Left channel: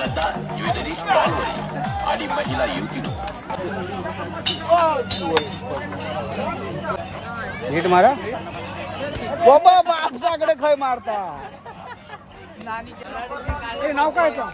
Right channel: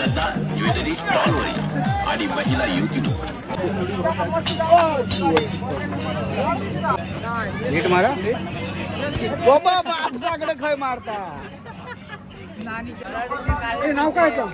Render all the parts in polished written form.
श्रद्धा jewellery स्टॉलवरील आणि महिला युवती नीट मारा बाबा बापसाकडे खय मारता हे नाव काय का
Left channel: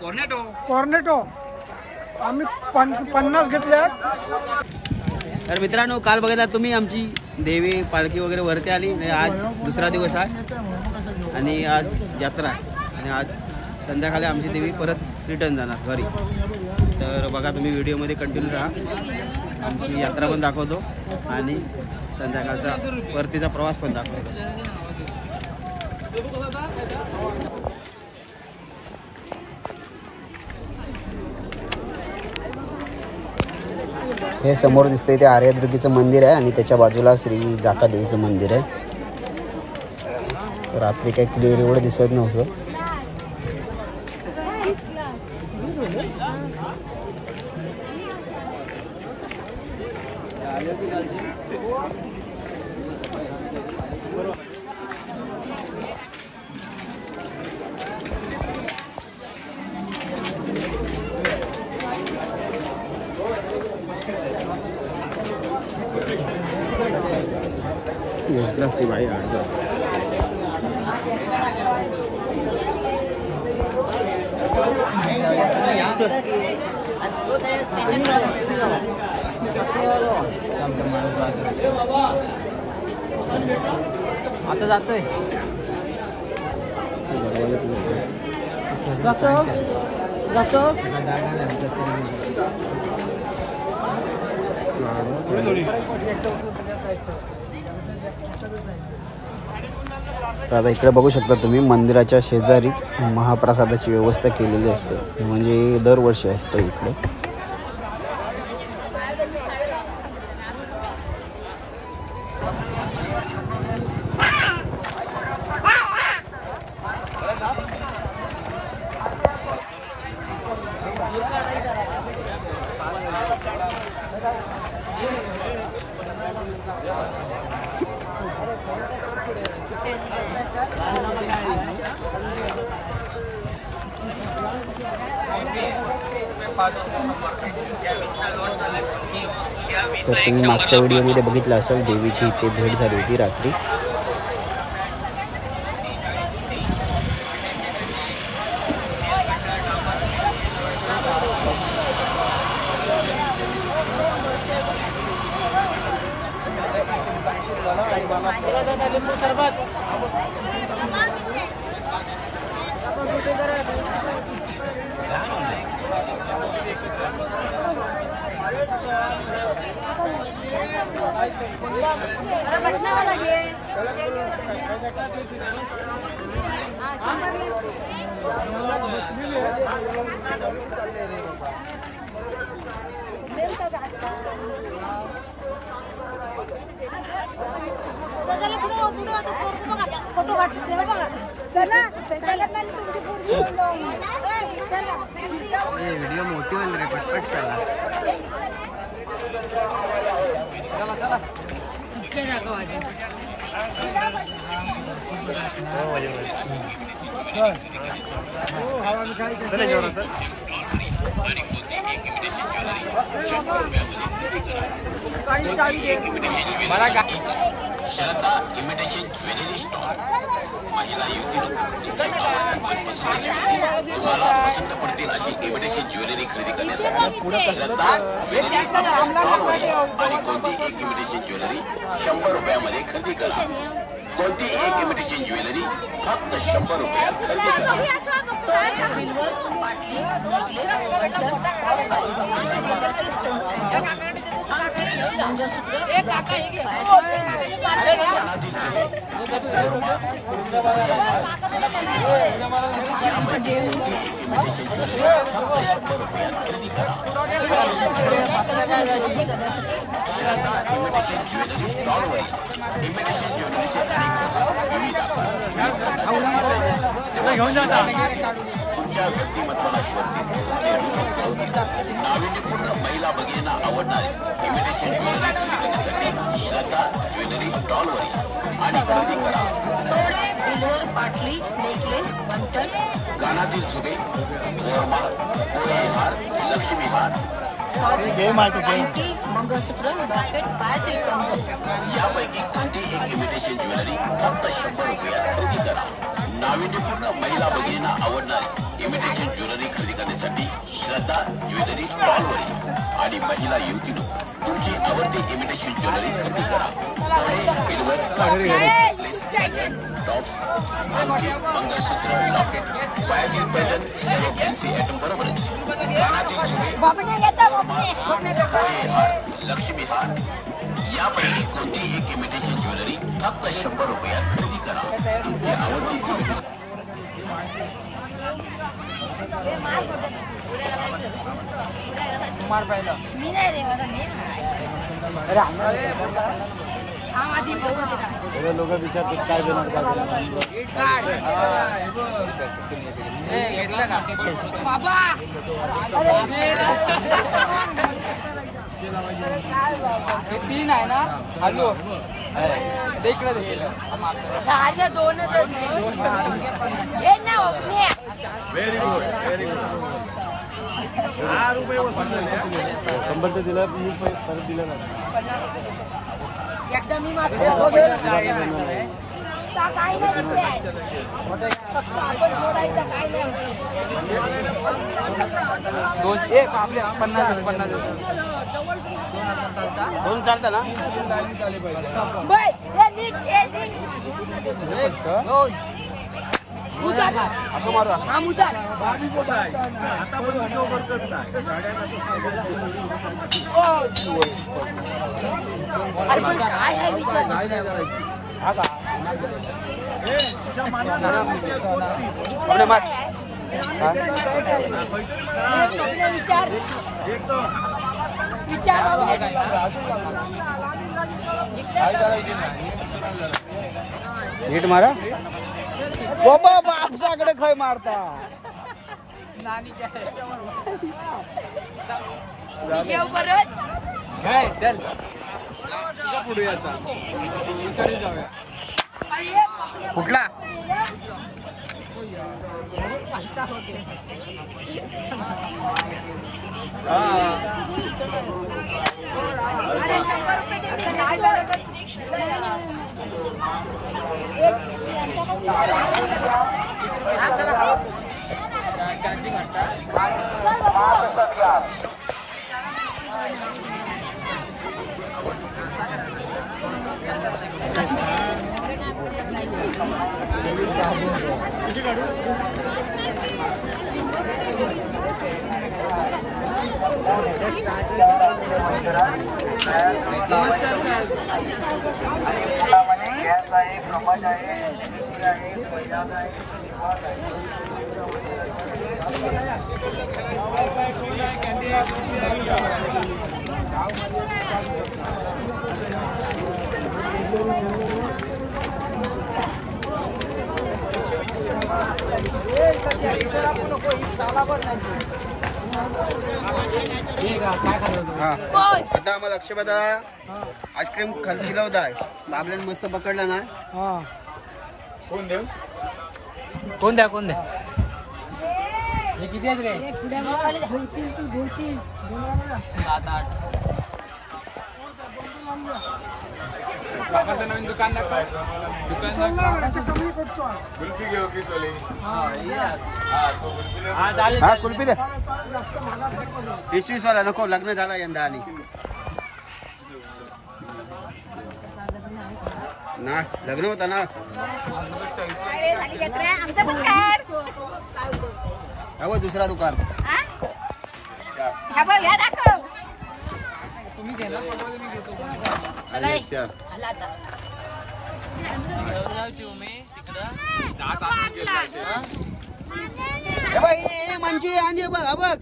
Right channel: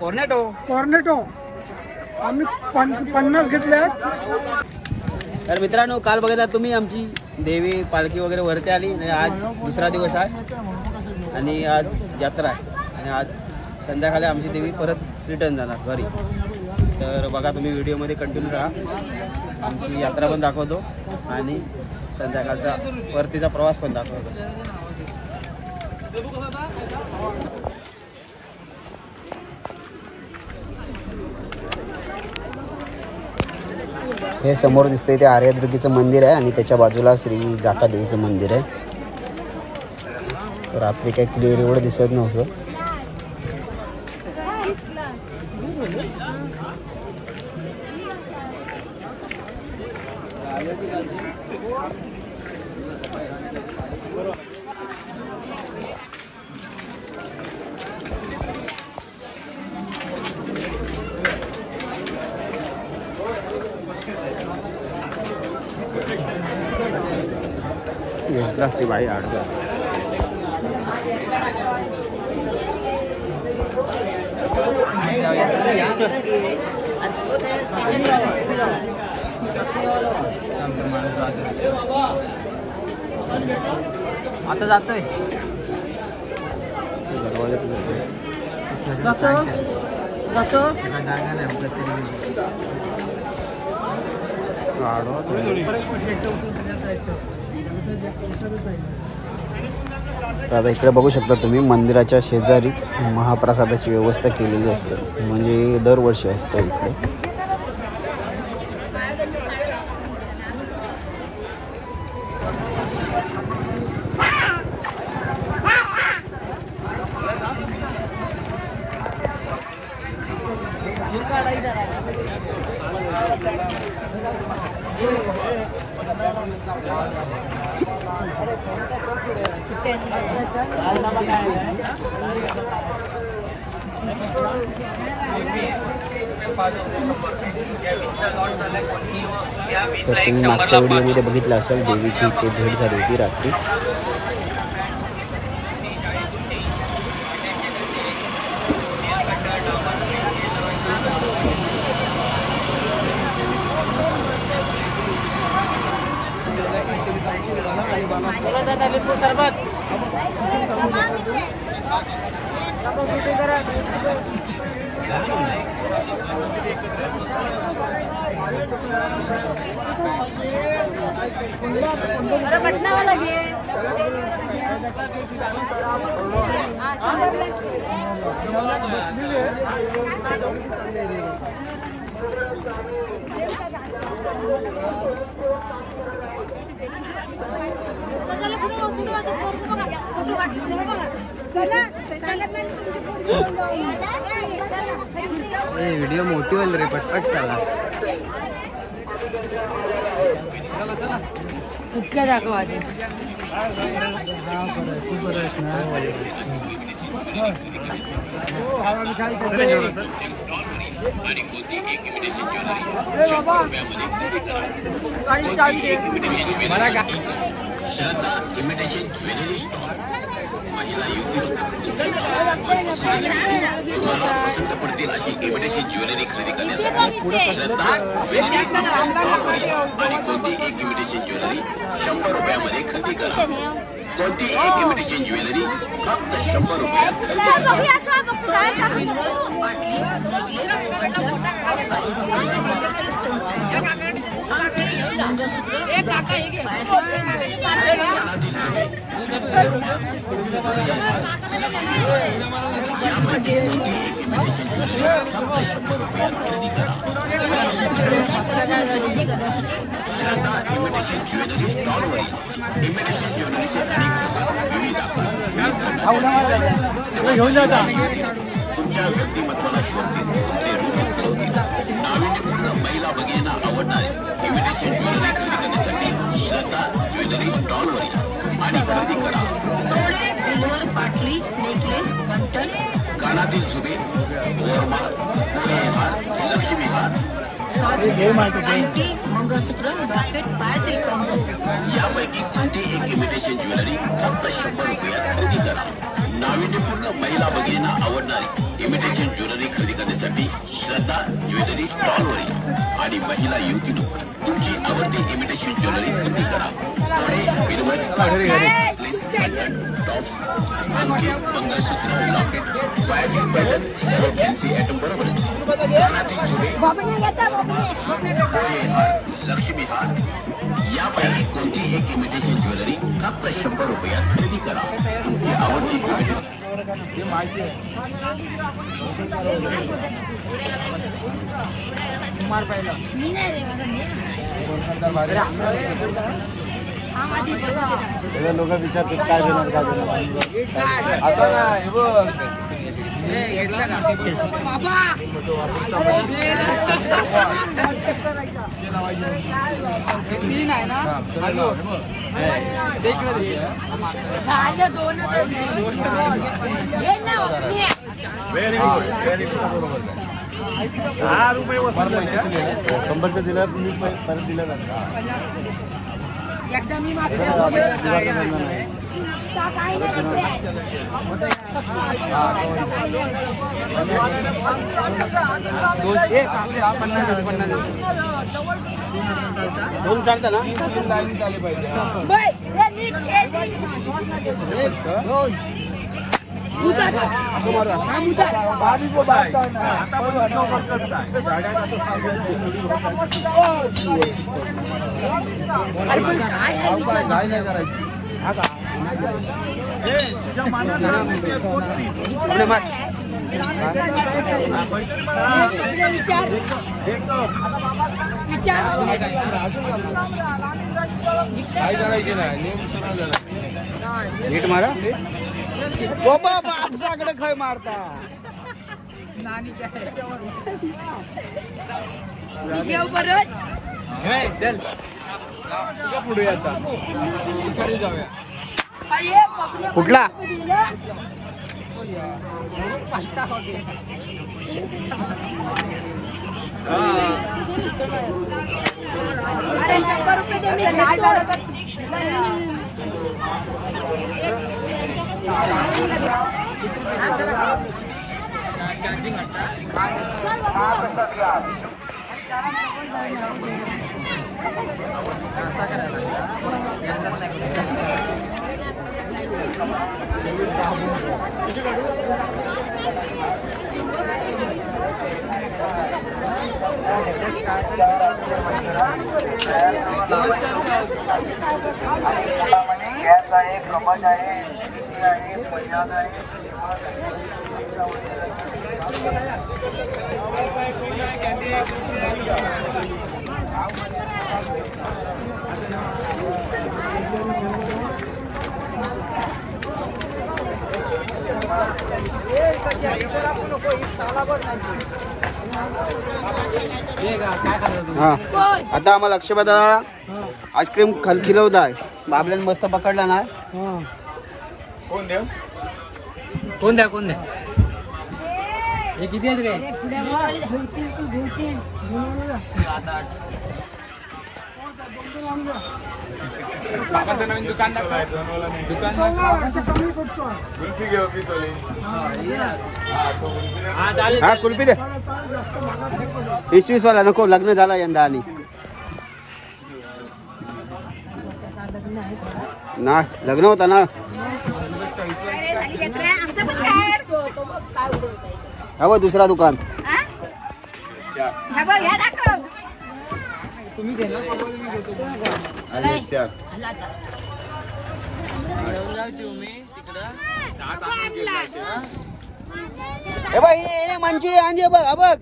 कॉर्नेटो टॉर्नेटो आम्ही 50 घेतले. तर मित्रांनो काल बघितला तुम्ही आमची देवी पालखी वगैरे वरती आली आणि आज दुसरा दिवस आहे आणि आज यात्रा आहे आणि आज संध्याकाळी आमची देवी परत रिटर्न जाणार घरी. तर बघा तुम्ही व्हिडिओमध्ये कंटिन्यू राहा. आमची यात्रा पण दाखवतो आणि संध्याकाळचा परतीचा प्रवास पण दाखवतो. हे समोर दिसतंय ते आर्यदुर्गीचं मंदिर आहे आणि त्याच्या बाजूला श्री जाका देवीचं मंदिर आहे. रात्री काही क्लिअर एवढं दिसत नव्हतं. भाई आता इकडे बघू शकता तुम्ही मंदिराच्या शेजारीच महाप्रसादाची व्यवस्था केलेली असते. म्हणजे दरवर्षी असते इकडे. तर तुम्ही मागच्या व्हिडिओमध्ये बघितलं असाल देवीची इथे भेट झाली होती रात्री. व्हिडिओ मोठी होईल रे, पटपट चला. कुठच्या दाखवायचे श्रद्धा इमिटेशन ज्वेलरी स्टॉल महिला युवती पसंत पडतील अशी इमिटेशन ज्वेलरी खरेदी करण्यासाठी श्रद्धा ज्वेलरी स्टॉलवर या आणि कोणती एक इमिटेशन ज्वेलरी 100 रुपयामध्ये खरेदी करा. कोणती एक इमिटेशन ज्वेलरी फक्त 100 रुपयात खरेदी करा. घेऊन जाता महिला भगिनींना आवडणारी इमिटेशन ज्वेलरी खरेदी करण्यासाठी श्रद्धा ज्वेलरी स्टॉलवर आणि खरेदी करा. पाटली नेकलेस कानातील झुबे यापैकी कोणती एक इमिटेशन ज्वेलरी फक्त 100 रुपयात खरेदी करा. नाविन्यपूर्ण महिला भगिनींना आवडणारी इमिटेशन ज्वेलरी खरेदी करण्यासाठी श्रद्धा ज्वेलरी स्टॉलवर या आणि महिला युवतींनो तुमची आवडती इमिटेशन ज्वेलरी खरेदी करा. आणखी मंगळसूत्र लॉकेट सर्व फॅन्सी आयटम बरोबरच लक्ष्मी हार यापैकी कोणती एक इमिटेशन ज्वेलरी फक्त 100 रुपयात खरेदी करा. तुमची आवडती एकदा मी मात्र काय नाही फक्त आपण दोन चालतं ना नीट मारा बाबा बापसाकडे खय मारता मी घेऊ परत कुठला अरे 100 रुपये दे गॅस आहे क्रमांक आहे हा आता आम्हाला अक्षय दादा आईस्क्रीम खिलवताय बाबल्यान मस्त पकडला ना कोण द्या हे किती आहेत रे हा कुल्फी दे 20-20 वाला नको लग्न झाला यंदा आणि ना लग्न होता ना हा दुसरा दुकान तुम्ही दे ना मंचुरी आणि बघ बघ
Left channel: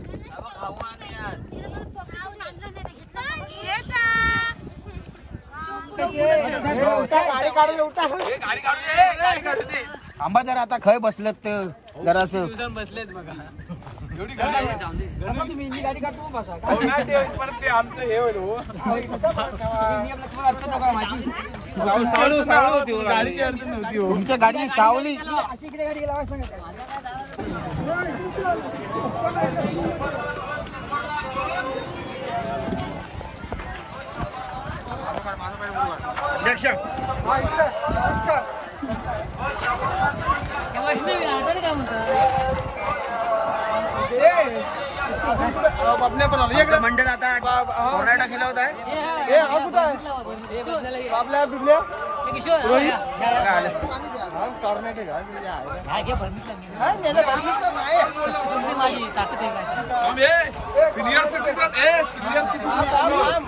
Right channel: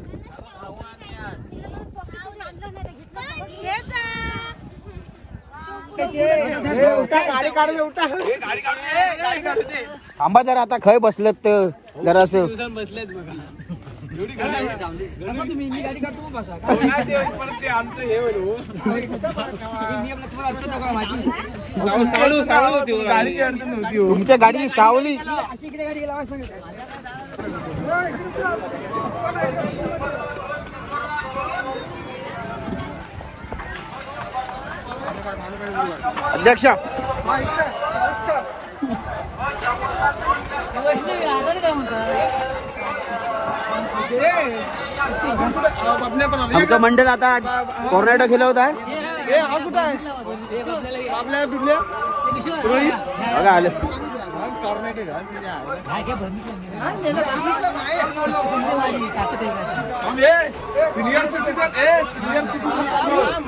आंबा जरा आता खय बसलेत तर जरासं बसलेत बघा तुमच्या गाडी सावली अध्यक्ष आमचं मंडळ आता टोर्नेडो खेळवत आहे. बघा आले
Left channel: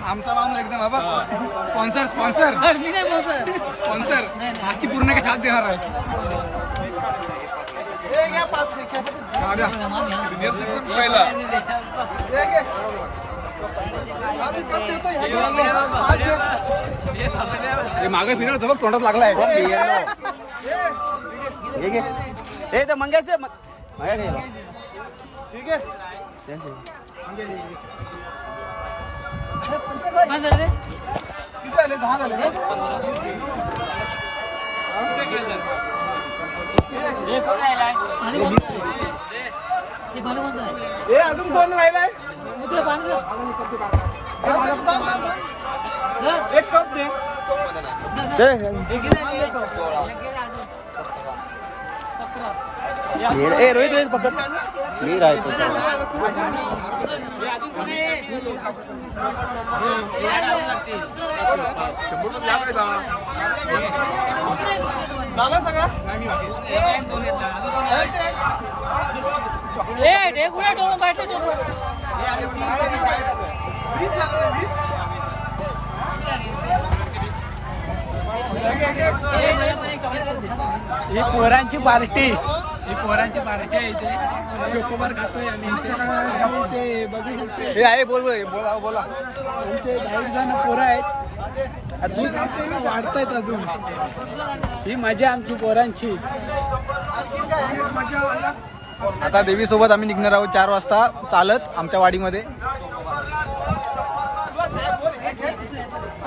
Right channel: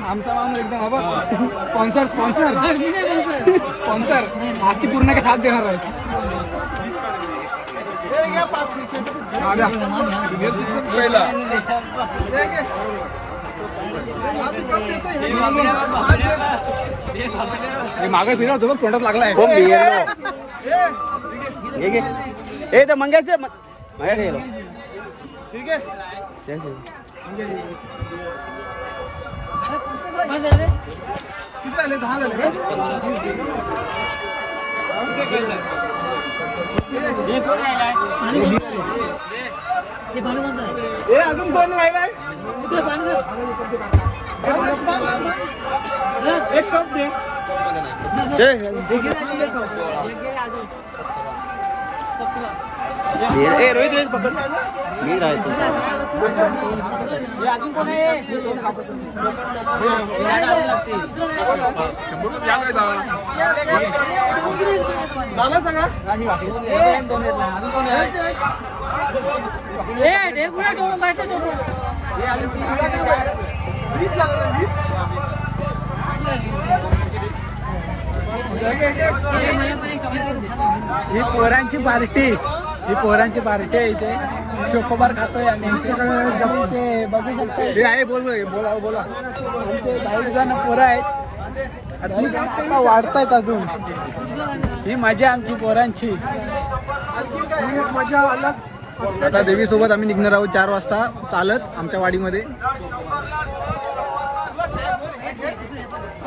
आमचा माणूस एकदम बाबा स्पॉन्सर स्पॉन्सर स्पॉन्सर आजची पूर्ण काय हात देणार आहे. मागे फिरवतो बघ तोंडात लागलाय. ए तर मंगेश दे माया गेलो. ठीक आहे अजून दोन राहिलाय. एक कप दे. रोहित रोहित पकड मी राहतो. सांगा ही पोरांची पार्टी आहे इथे. चोकोबार खातोय आम्ही. आमच्याकडे जमते बघू शकते आहे. बोला पोरं आहेत. वाढतायत अजून. ही मजा आमची पोरांची मजा अलग. आता देवी सोबत आम्ही निघणार आहोत 4 वाजता चालत आमच्या वाडीमध्ये.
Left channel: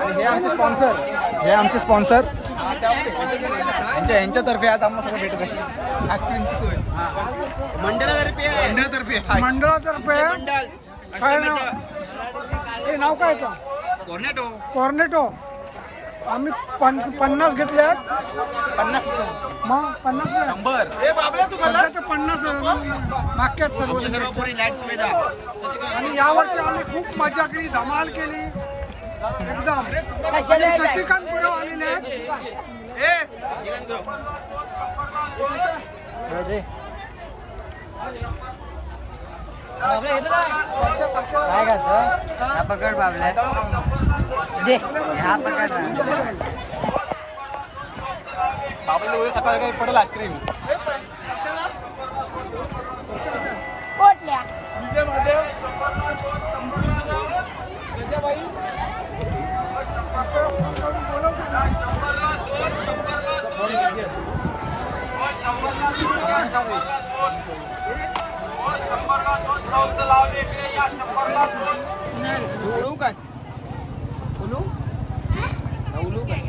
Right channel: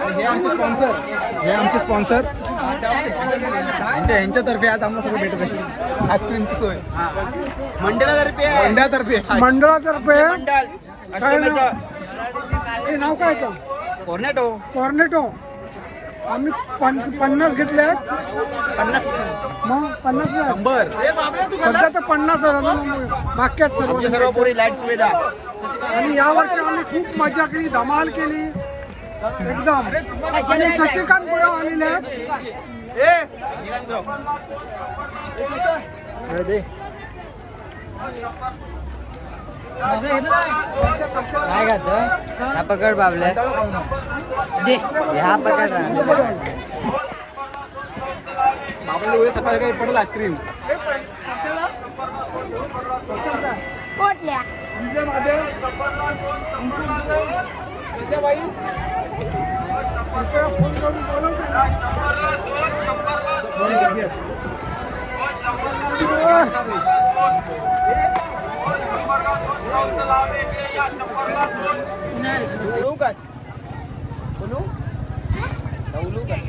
हे आमचे स्पॉन्सर यांच्यातर्फे आज आम्हाला सगळं भेटत आहे. आठवणींची सोय मंडळातर्फे हे नाव काय का? कॉर्नेटो. आम्ही 50 घेतले. 50 मग 50 सध्या तर 50 बाकी सर्व पुरी लाईट सुविधा. आणि यावर्षी आम्ही खूप मजा केली, धमाल केली एकदम. आणि शशिकांत गुरव आलेले आहेत. काय खात हा पकड बाबल्या हा पकड. बाबा सकाळी काही पडेल आईस्क्रीम पोटल्या फोन करून बोलवते. उडू काय बोलू काय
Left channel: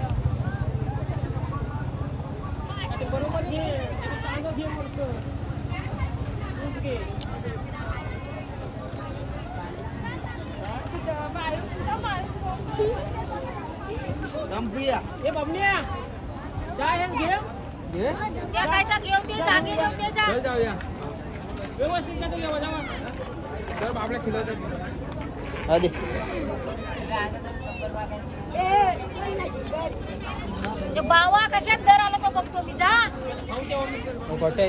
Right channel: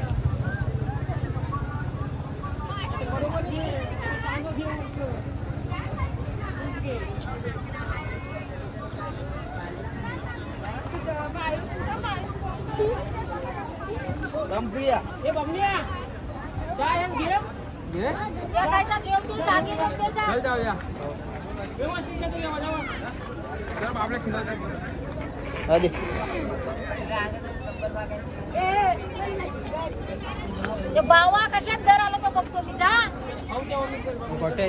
संपूया. बावा कशात दर आलो तो बघतो मी. जा गोट्या